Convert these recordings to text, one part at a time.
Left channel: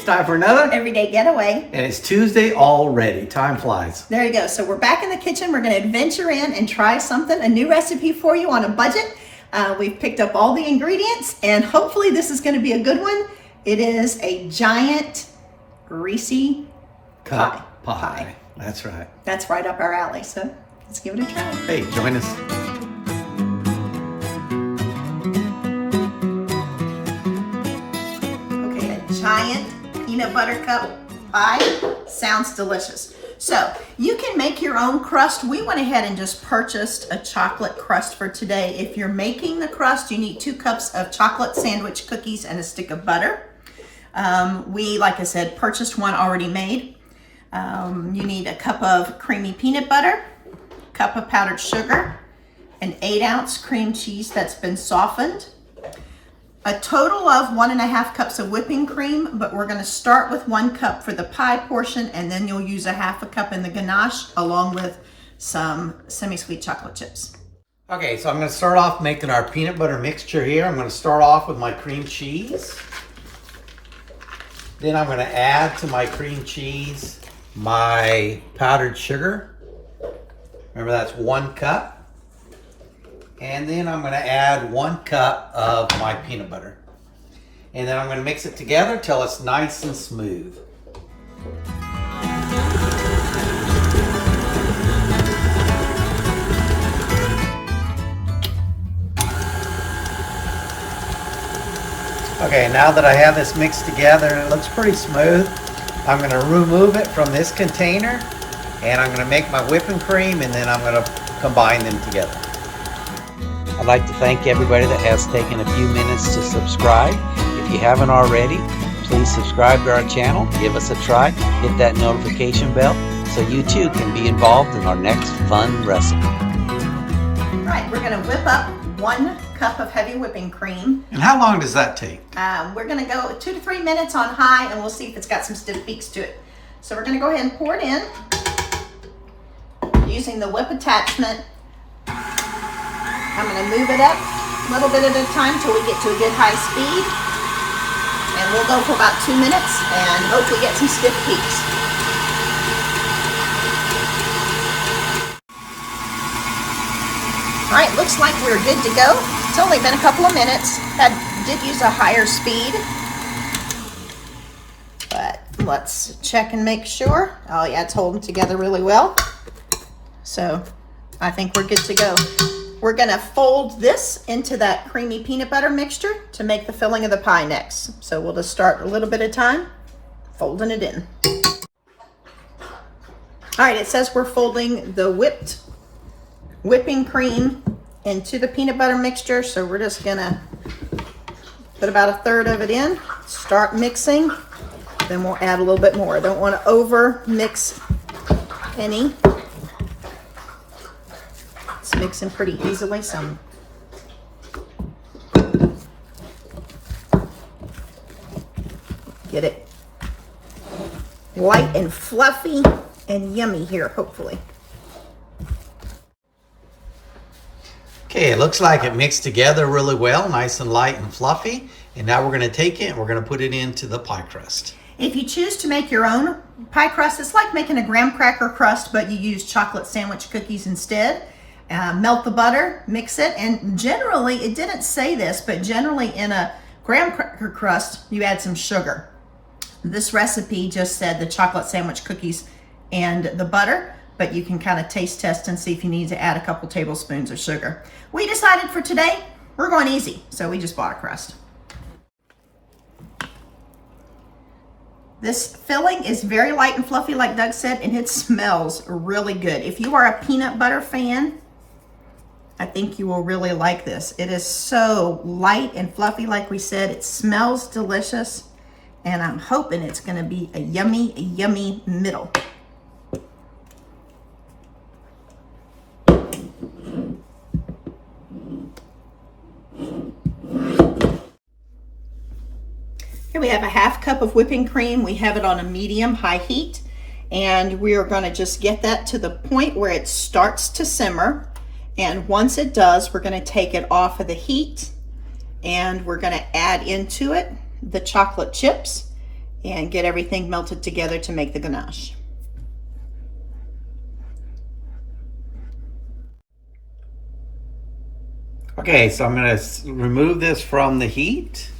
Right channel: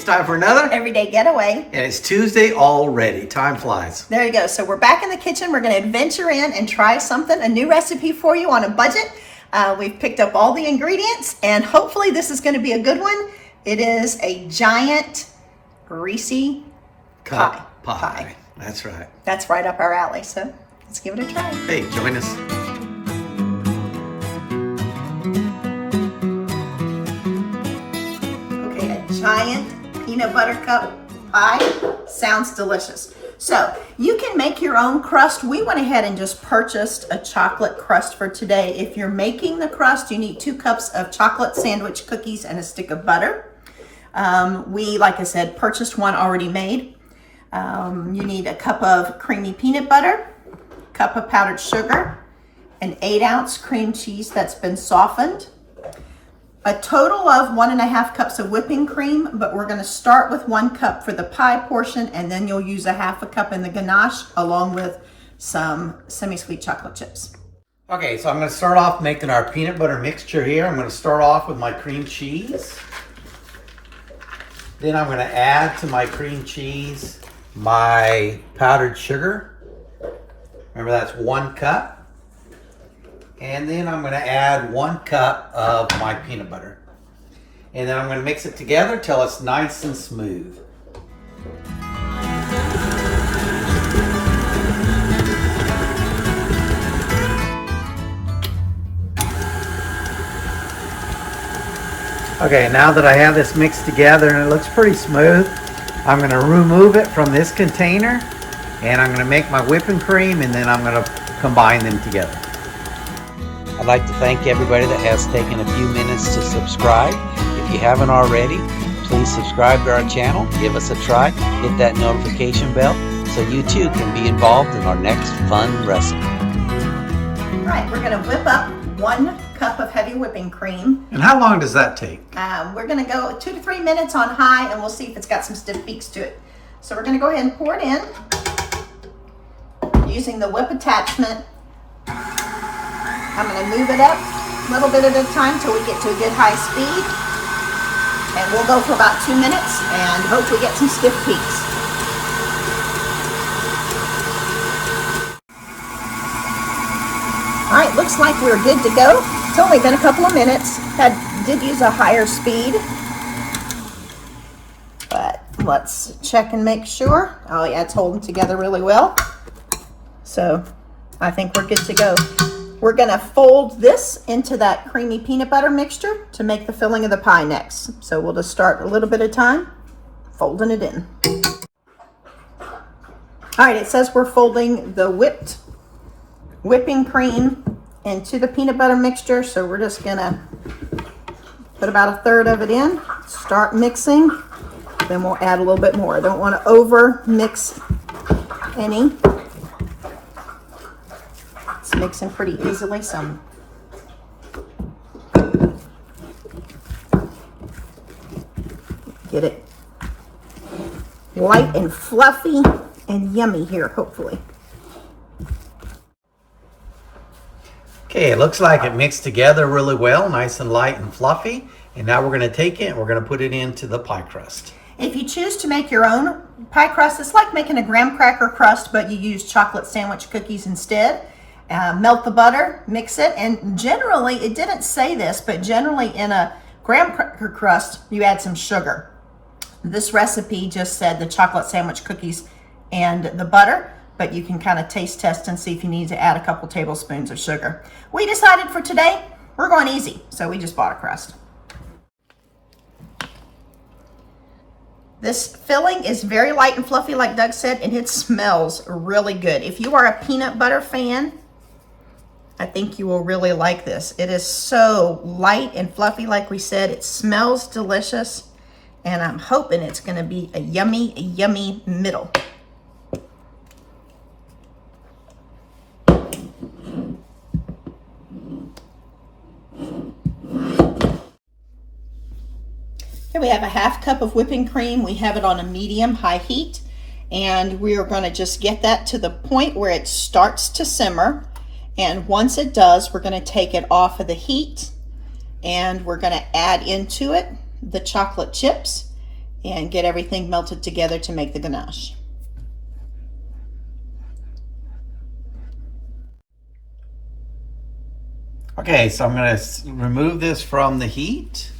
It's time for another Everyday Getaway. And it's Tuesday already. Time flies. There you go. So we're back in the kitchen. We're going to adventure in and try something, a new recipe for you on a budget. We've picked up all the ingredients and hopefully this is going to be a good one. It is a giant Resee Cup pie. That's right. That's right up our alley. So let's give it a try. Hey, join us. Okay, a giant peanut butter cup pie sounds delicious. So you can make your own crust. We went ahead and just purchased a chocolate crust for today. If you're making the crust, you need 2 cups of chocolate sandwich cookies and a stick of butter. We, like I said, purchased one already made. You need a cup of creamy peanut butter, a cup of powdered sugar, an 8-ounce cream cheese that's been softened, a total of 1.5 cups of whipping cream, but we're going to start with 1 cup for the pie portion, and then you'll use a 1/2 cup in the ganache along with some semi-sweet chocolate chips. Okay, so I'm going to start off making our peanut butter mixture here. I'm going to start off with my cream cheese. Then I'm going to add to my cream cheese my powdered sugar. Remember, that's 1 cup. And then I'm going to add 1 cup of my peanut butter. And then I'm going to mix it together till it's nice and smooth. Okay, now that I have this mixed together and it looks pretty smooth, I'm going to remove it from this container and I'm going to make my whipping cream and then I'm going to combine them together. I'd like to thank everybody that has taken a few minutes to subscribe. If you haven't already, please subscribe to our channel, give us a try, hit that notification bell so you too can be involved in our next fun recipe. All right, we're going to whip up 1 cup of heavy whipping cream. And how long does that take? We're going to go 2 to 3 minutes on high and we'll see if it's got some stiff peaks to it. So we're going to go ahead and pour it in using the whip attachment. I'm going to move it up a little bit at a time till we get to a good high speed. And we'll go for about 2 minutes and hopefully get some stiff peaks. All right, looks like we're good to go. It's only been a couple of minutes. Did use a higher speed. But let's check and make sure. Oh yeah, it's holding together really well. So I think we're good to go. We're gonna fold this into that creamy peanut butter mixture to make the filling of the pie next. So we'll just start a little bit at a time, folding it in. All right, it says we're folding the whipping cream into the peanut butter mixture. So we're just gonna put about 1/3 of it in, start mixing, then we'll add a little bit more. I don't wanna over mix any. It's mixing pretty easily, so get it light and fluffy and yummy here, hopefully. Okay, it looks like it mixed together really well, nice and light and fluffy. And now we're going to take it and we're going to put it into the pie crust. If you choose to make your own pie crust, it's like making a graham cracker crust, but you use chocolate sandwich cookies instead. Melt the butter, mix it, and generally, it didn't say this, but generally in a graham cracker crust, you add some sugar. This recipe just said the chocolate sandwich cookies and the butter, but you can kind of taste test and see if you need to add a couple tablespoons of sugar. We decided for today, we're going easy, so we just bought a crust. This filling is very light and fluffy, like Doug said, and it smells really good. If you are a peanut butter fan, I think you will really like this. It is so light and fluffy, like we said. It smells delicious, and I'm hoping it's gonna be a yummy middle. Here we have a 1/2 cup of whipping cream. We have it on a medium-high heat, and we are gonna just get that to the point where it starts to simmer. And once it does, we're going to take it off of the heat and we're going to add into it the chocolate chips and get everything melted together to make the ganache. Okay, so I'm going to remove this from the heat.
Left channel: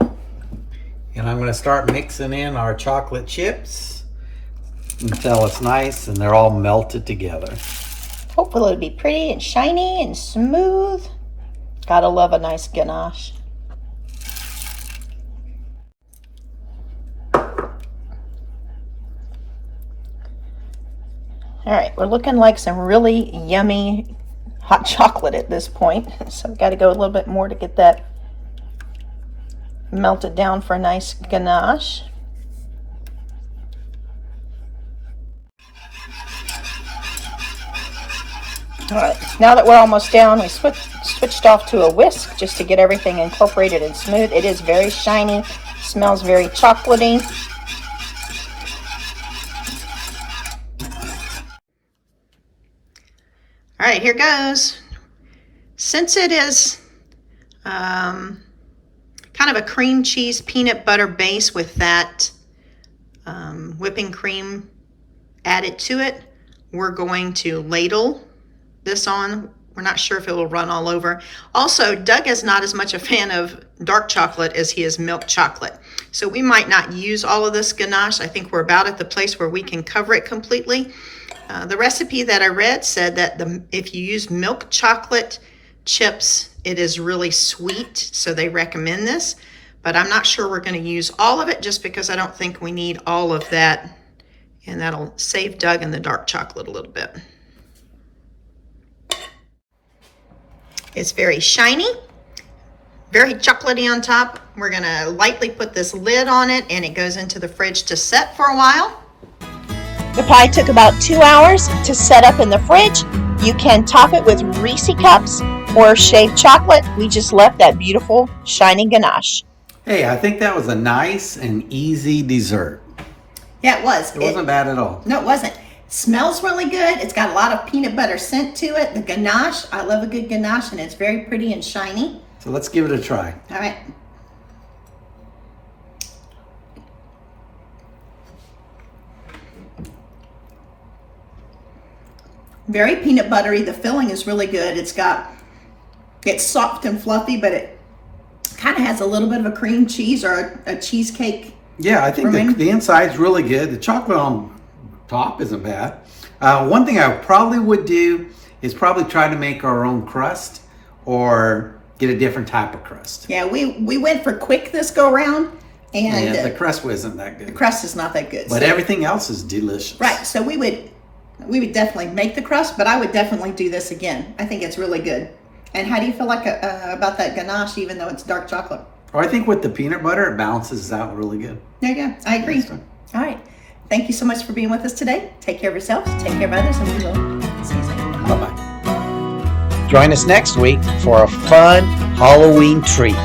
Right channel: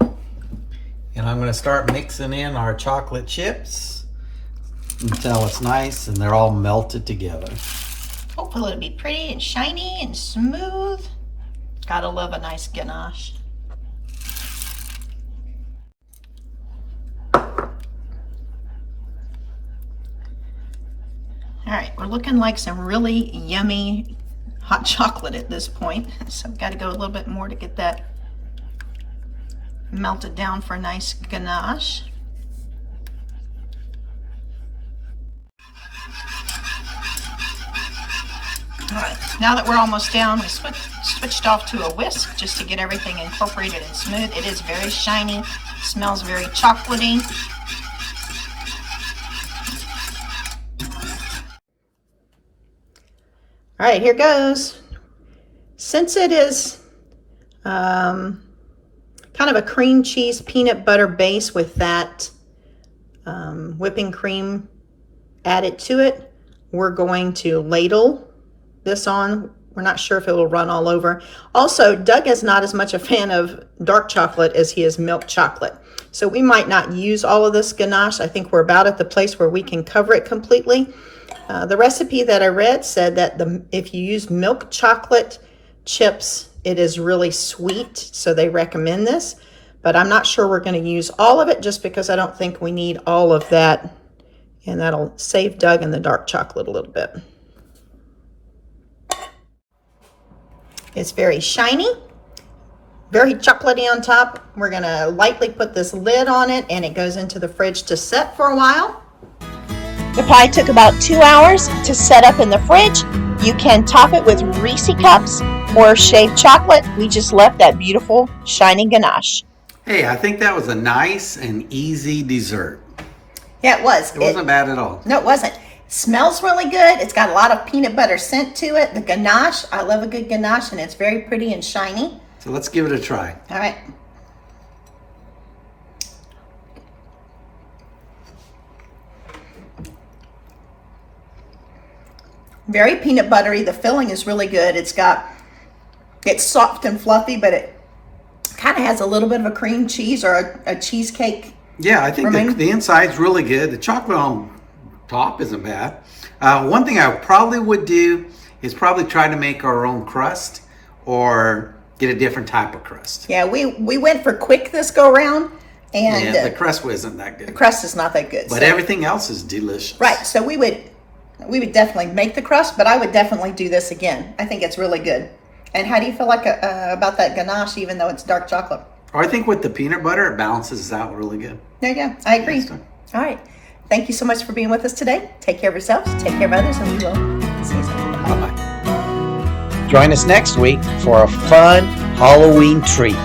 And I'm going to start mixing in our chocolate chips until it's nice and they're all melted together. Hopefully it'll be pretty and shiny and smooth. Gotta love a nice ganache. All right, we're looking like some really yummy hot chocolate at this point. So we've got to go a little bit more to get that melted down for a nice ganache. All right, now that we're almost down, we switched off to a whisk just to get everything incorporated and smooth. It is very shiny, smells very chocolatey. All right, here goes. Since it is kind of a cream cheese peanut butter base with that whipping cream added to it, we're going to ladle this on. We're not sure if it will run all over. Also, Doug is not as much a fan of dark chocolate as he is milk chocolate. So we might not use all of this ganache. I think we're about at the place where we can cover it completely. The recipe that I read said that if you use milk chocolate chips, it is really sweet, so they recommend this. But I'm not sure we're going to use all of it just because I don't think we need all of that. And that'll save Doug and the dark chocolate a little bit. It's very shiny, very chocolatey on top. We're going to lightly put this lid on it, and it goes into the fridge to set for a while. The pie took about 2 hours to set up in the fridge. You can top it with Resee cups or shaved chocolate. We just left that beautiful shiny ganache. Hey, I think that was a nice and easy dessert. Yeah, it was. It wasn't bad at all. No, it wasn't. Smells really good. It's got a lot of peanut butter scent to it. The ganache, I love a good ganache, and it's very pretty and shiny. So let's give it a try. All right. Very peanut buttery. The filling is really good. It's soft and fluffy, but it kind of has a little bit of a cream cheese or a cheesecake. Yeah, I think the inside's really good. The chocolate on top isn't bad. One thing I probably would do is probably try to make our own crust or get a different type of crust. Yeah, we went for quick this go round, and yeah, the crust wasn't that good. the crust is not that good. But everything else is delicious. Right, so we would definitely make the crust, but I would definitely do this again. I think it's really good. And how do you feel like about that ganache, even though it's dark chocolate? Or I think with the peanut butter, it balances out really good. Yeah, I agree. Yes, sir. All right. Thank you so much for being with us today. Take care of yourselves, take care of others, and we will see you soon. Bye-bye. Join us next week for a fun Halloween treat.